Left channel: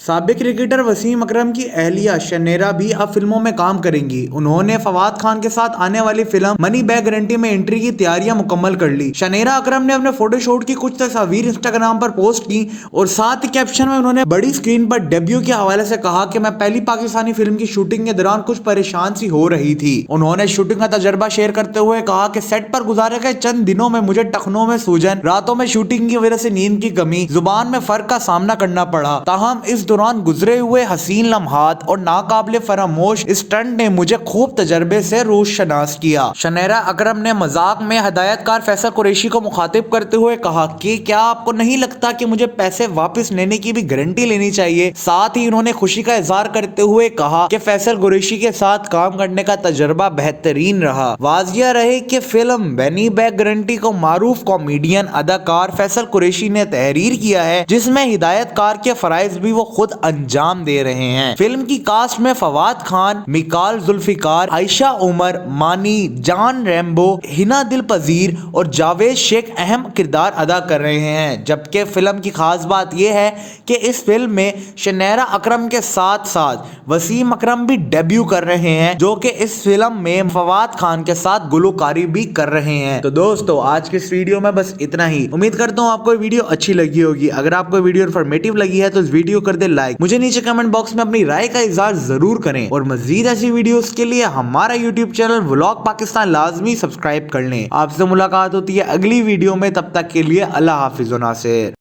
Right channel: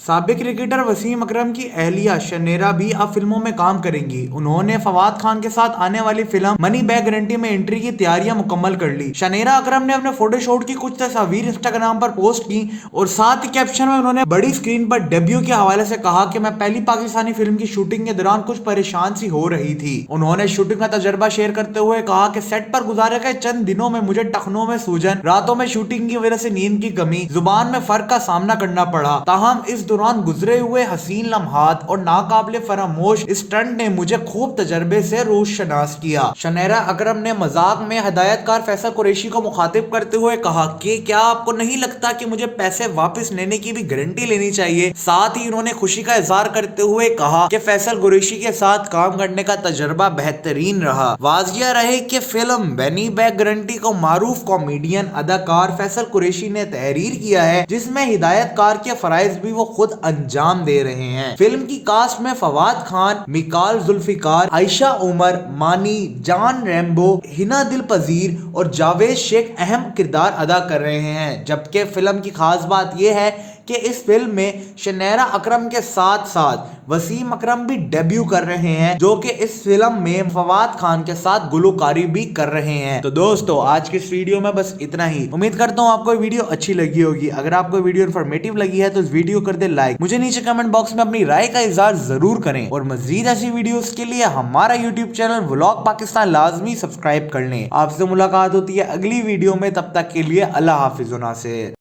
साबिक क्रिकेटर वसीम अकरम की अहलिया शनेरा भी अब फिल्मों में काम करेंगी। उन्होंने फवाद खान के साथ आने वाली फिल्म मनी बैग गारंटी में एंट्री की तैयारियां मुकम्मल कर ली। शनेरा अकरम ने अपने फोटोशूट की कुछ तस्वीर इंस्टाग्राम पर पोस्ट की और साथ ही कैप्शन में उन्होंने बड़ी स्क्रीन पर डेब्यू के हवाले से कहा कि मैं पहली पाकिस्तानी फिल्म की शूटिंग के दौरान कुछ परेशान सी हो रही थी। उन्होंने शूटिंग का तजर्बा शेयर करते हुए कहा कि सेट पर गुजारे गए चंद दिनों में मुझे टखनों में सूजन, रातों में शूटिंग की वजह से नींद की कमी, जुबान में फर्क का सामना करना पड़ा। ताहम इस दौरान गुजरे हुए हसीन लम्हात और नाकाबिले फरामोश स्टंट ने मुझे खूब तजर्बे से रोशनास किया। शनेरा अकरम ने मजाक में हिदायतकार फैसल कुरैशी को मुखातिब करते हुए कहा कि क्या आपको नहीं लगता कि मुझे पैसे वापस लेने की भी गारंटी लेनी चाहिए। साथ ही उन्होंने खुशी का इजहार करते हुए कहा कि फैसल कुरैशी के साथ काम करने का तजर्बा बेहतरीन रहा। वाजिया रहे कि फिल्म मनी बैग गारंटी को मारूफ कॉमेडियन अदाकार फैसल कुरैशी ने तहरीर किया है, जिसमें हिदायतकार के फराइज भी वो खुद अंजाम दे रहे हैं। फिल्म की कास्ट में फवाद खान, मिकाल जुल्फिकार, आयशा उमर, मानी, जान रैम्बो, हिना दिल पजीर और जावेद शेख अहम किरदार अदा कर रहे हैं। जबकि फिल्म की खास बात यह है कि इस फिल्म में शनेरा अकरम के साथ साथ वसीम अकरम भी डेब्यू कर रहे हैं, जो कि इस फिल्म में फवाद खान के साथ गुलकारी भी कर रहे हैं। तो दोस्तों, आज के इस वीडियो में बस इतना ही। उम्मीद करता हूँ आपको वीडियो अच्छी लगी होगी। अगर आपको वीडियो इन्फॉर्मेटिव लगी है तो इस वीडियो कर दे लाइक। मुझे नीचे कमेंट बॉक्स में अपनी राय का इजहार जरूर करें और मजीद ऐसी वीडियोस के लिए हमारा यूट्यूब चैनल व्लॉग पाकिस्तान लाजमी सब्सक्राइब कर लें। आपसे मुलाकात होती है अगली वीडियो में, तब तक के लिए अल्लाह हाफिज। नासिर।